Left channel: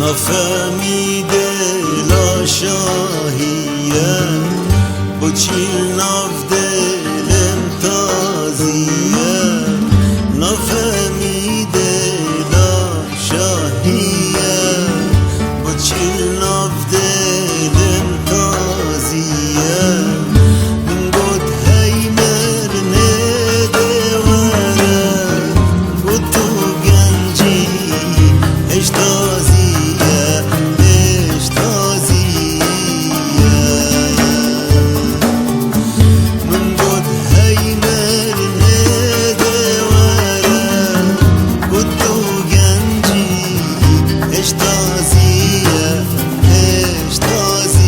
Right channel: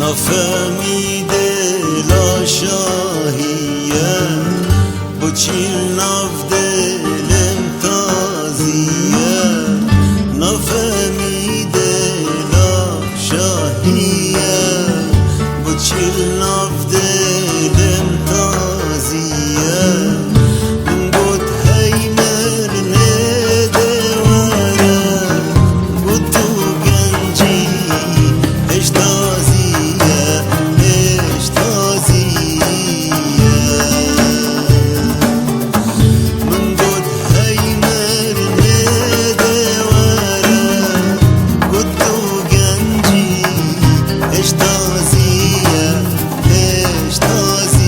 نفهمیده لا شاهیه با چیل ناف دلم تازیه نفهمیده لا شاهیه با چیل ناف دلم تازیه من گود هی مرنه دواره گود تو گنجی اش تازیه اش تازیه من گود هی مرنه دواره گود تو گنجی اش تازیه اش تازیه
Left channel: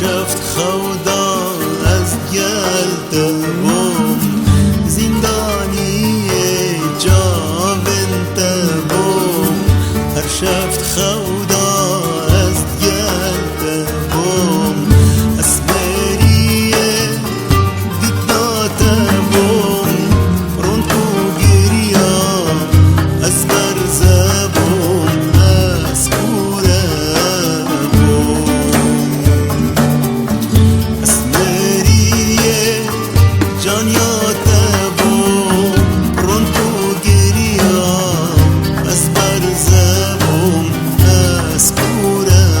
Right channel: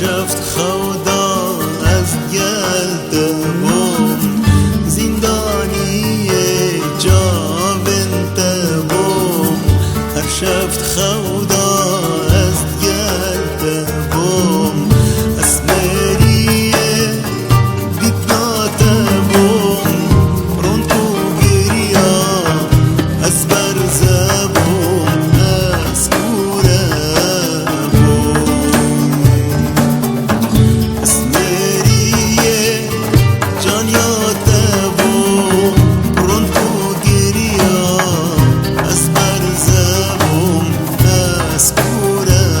شفت خودا از گلده بوم زندانی جاونده بوم هر شفت خودا از گلده بوم اسمریه دیتناته بوم رون کو گریا از برزه بوم از کوره جانیاته بوم رون تو گریا از برزه بوم از کوره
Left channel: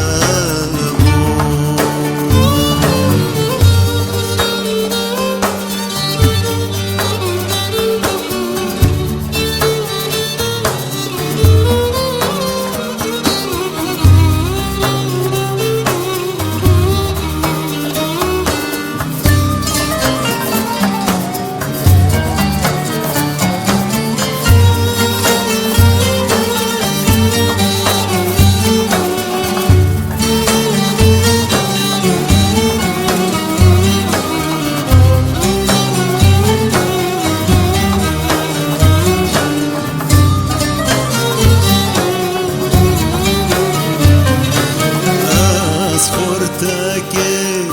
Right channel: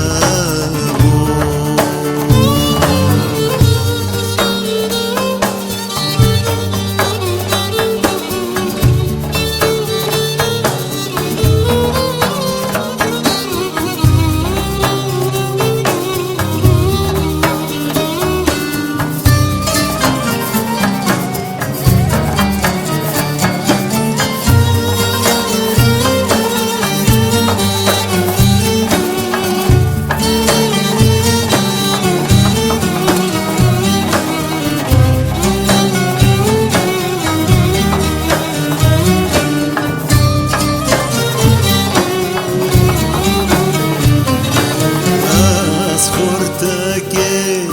خورتکه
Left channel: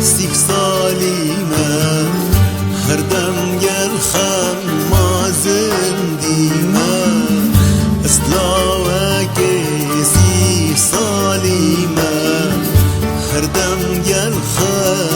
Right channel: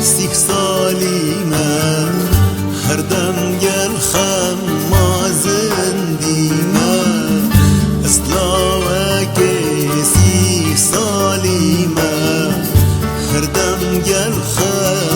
30 سالیمه هر دم گل خم ما زندیمه اسلاوکه 30 سالیمه هر دم گل خم